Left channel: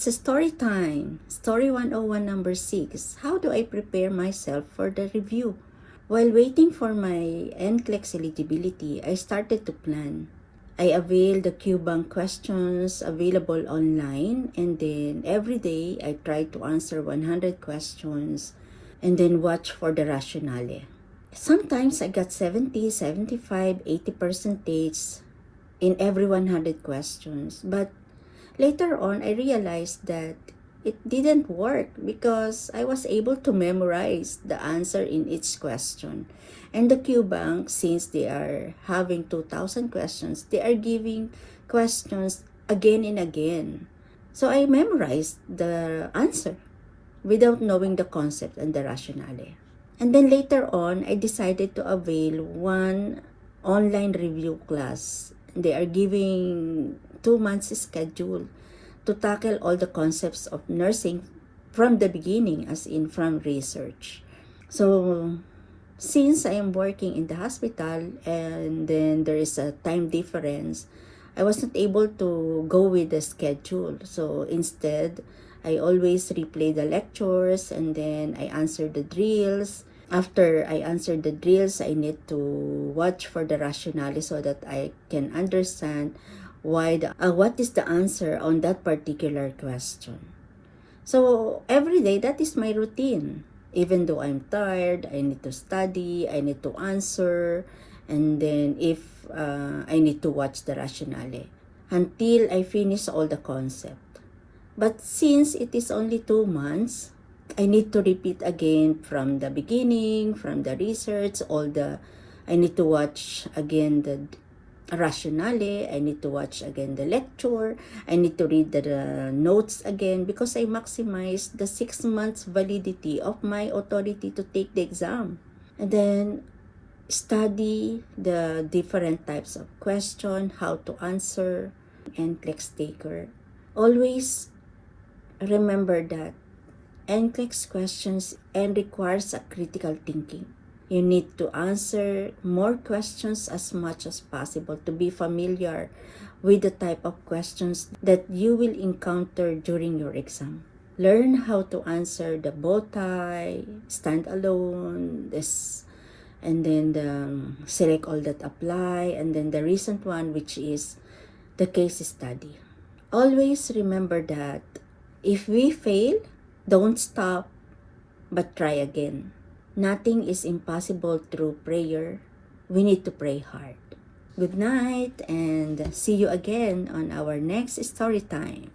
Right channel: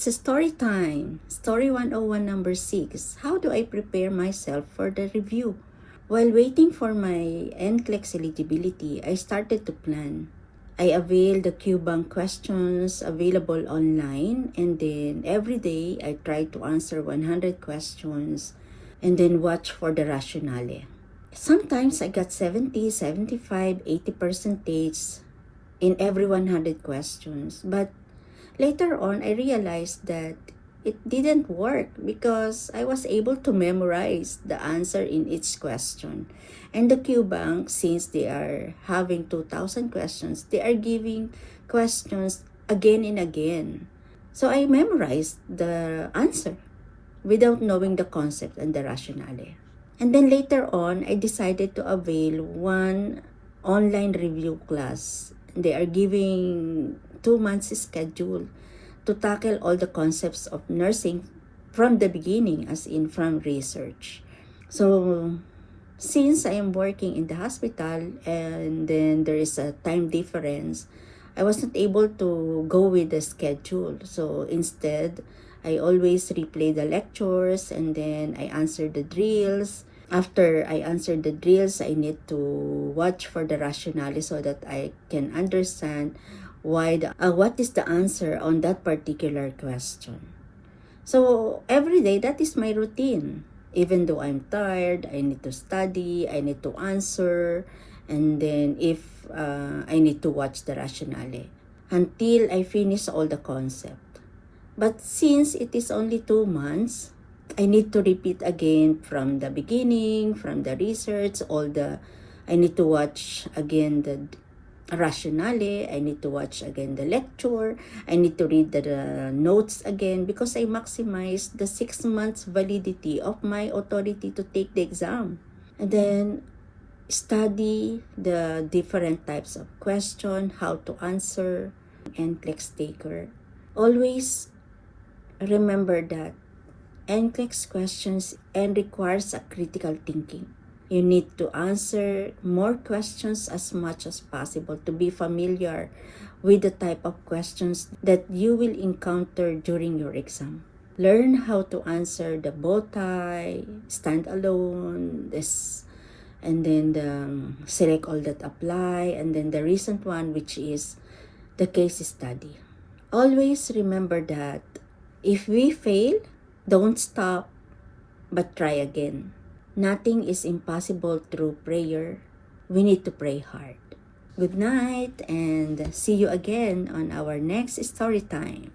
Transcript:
It's a story time. Story 101 number 6. How do I prepare myself for the review? While waiting for my NCLEX eligibility, I started to plan. I availed the QBank questions available online, and then every day I tried to answer 100 questions and then watch for the rationale. Sometimes I got 70, 75, 80 percentage in every 100 questions, but later on I realized that it didn't work because I was able to memorize the answer in each question. And the QBank, since they are having 2,000 questions, they are giving questions again and again. So I memorized the answer without knowing the concept and the rationale. And then later on, I decided to avail one online review class. They are giving 2 months schedule to tackle all the concepts of nursing from the beginning, as in from research. So since I am working in the hospital and then there is a time difference, I was not able to go with the schedule. So instead, I always replay the lectures and then I answer the drills. After I answer the drills, I need to watch for the rationale so that I can understand what is the answer on that particular question. So every day, that is my routine. Even though I'm tired, I need to study, I need to answer, and then if I need to watch the rationale until I finish all the concept. But since it is only 2 months, I need to repeat again from the beginning, from the research, I need to watch again the rationale, I need to watch again the lecture, I need to read the notes again because I maximize the 6 months validity of my authority to take the exam. And then study the different types of question, how to answer, NCLEX taker. Always remember that NCLEX questions and requires a critical thinking. You need to answer more questions as much as possible to be familiar with the type of questions that you will encounter during your exam. Learn how to answer the bow tie, stand alone, and then select all that apply, and then the recent one, which is the case study. Always remember that if we fail, don't stop, but try again. Nothing is impossible through prayer. We need to pray hard. Good night and see you again on our next story time.